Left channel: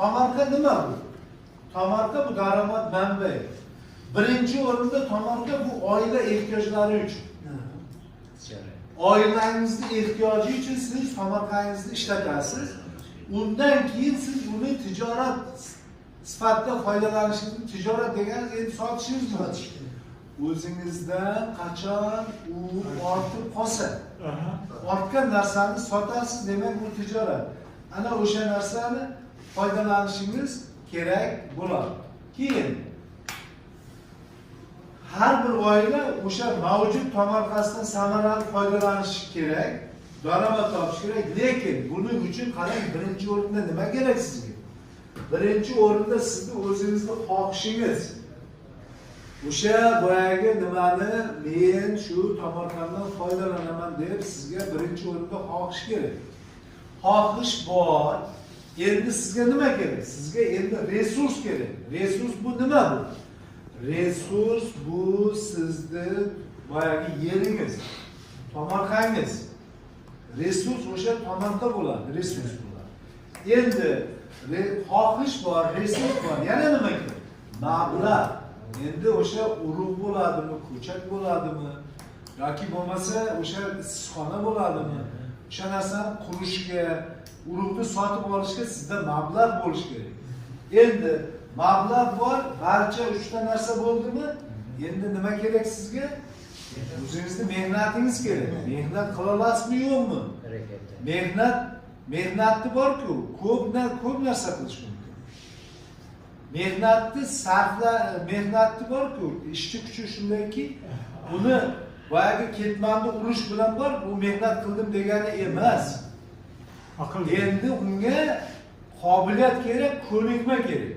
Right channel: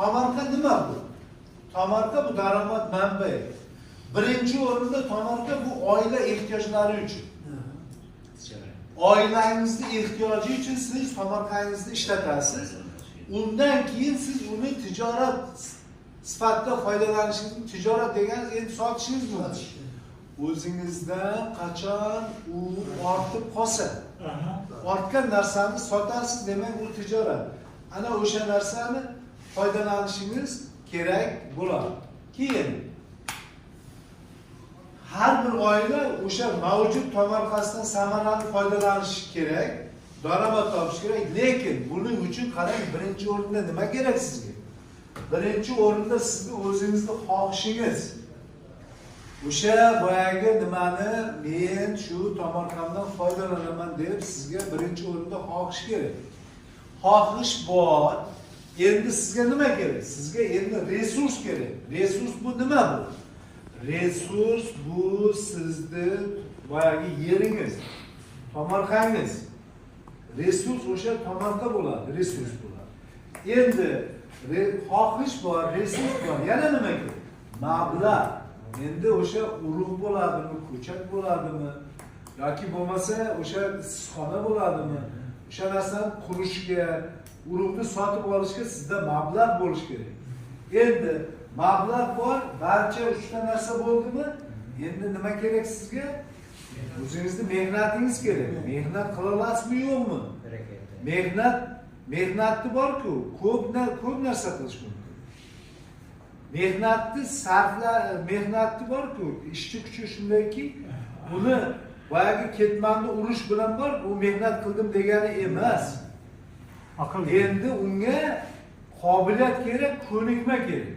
tomorqa nima bu? Tomorqa bu daromad manbai. Birinchi o'rinda tomorqa bu oila ehtiyojlari uchun. Oilangizning ehtiyoji uchun siz tomorqangizni ishlatasiz. Undan keyin siz uni tijorat sifatida foydalanishingiz, tijorat deganingiz endi sotishingiz mumkin. O'zingizdan qachon u ortib qolsa, ortgan narsani sotasiz, demak bu tijorat. Ana o'sha narsani foydalanishingiz kerak bo'ladi. Keyin har bir oila o'sha mavjud tomorqasidan samarali foydalanishi kerak, daromad topish kerak. Lekin buning uchun qarang, birinchi o'rinda nima kerak sizga? Birinchi o'rinda sizni o'zingizning xohishingiz. O'sha boyagi nimani men shu tomorqamdan foydalanaman deb sizga birinchi o'rinda xohish kerak. Xohish bor. Endi sizga nima kerak? Sizga endi resurs kerak. Resurs bu nima bu? Resurs bu sizning boyagi yeringiz, tomorqangiz. Resurs o'sha tomorqa bo'ladi, resurs bo'ladi. Endi xohish bor, resurs bor. Yana nima kerak? Mablag'. Endi o'sha urug' bo'ladimi, ko'chat bo'ladimi, yoki bo'lmasa o'sha issiqxona bo'ladimi? O'sha narsani qurishga, urug'ni sotib olishga sizda mablag' bo'lishi kerak. Endi mablag' bor, barcha uchta narsa bo'ldimi? Endi nima kerak sizga? O'zingizning mehnatingiz kerak. Mehnat qila olasizmi, yo'qmi? Mehnatni bor-ku, ko'p narsa qilish mumkin. Mehnatni bor-ku, ishchi kuchi shundayki, uni boyagi ketmonni urish bilan bor, bu mehnat qildim degani emas. Endi unga qobiliyat kerak, ko'nikma kerak.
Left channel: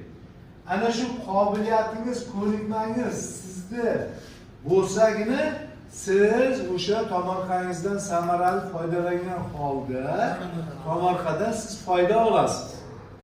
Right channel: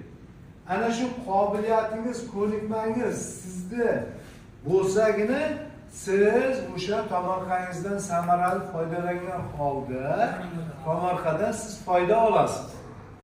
Ana shu qobiliyatingiz, ko'nikmangiz sizda bo'lsagina siz o'sha tomorqangizdan samarali foydalangan holda tomorqadan siz foyda olasiz.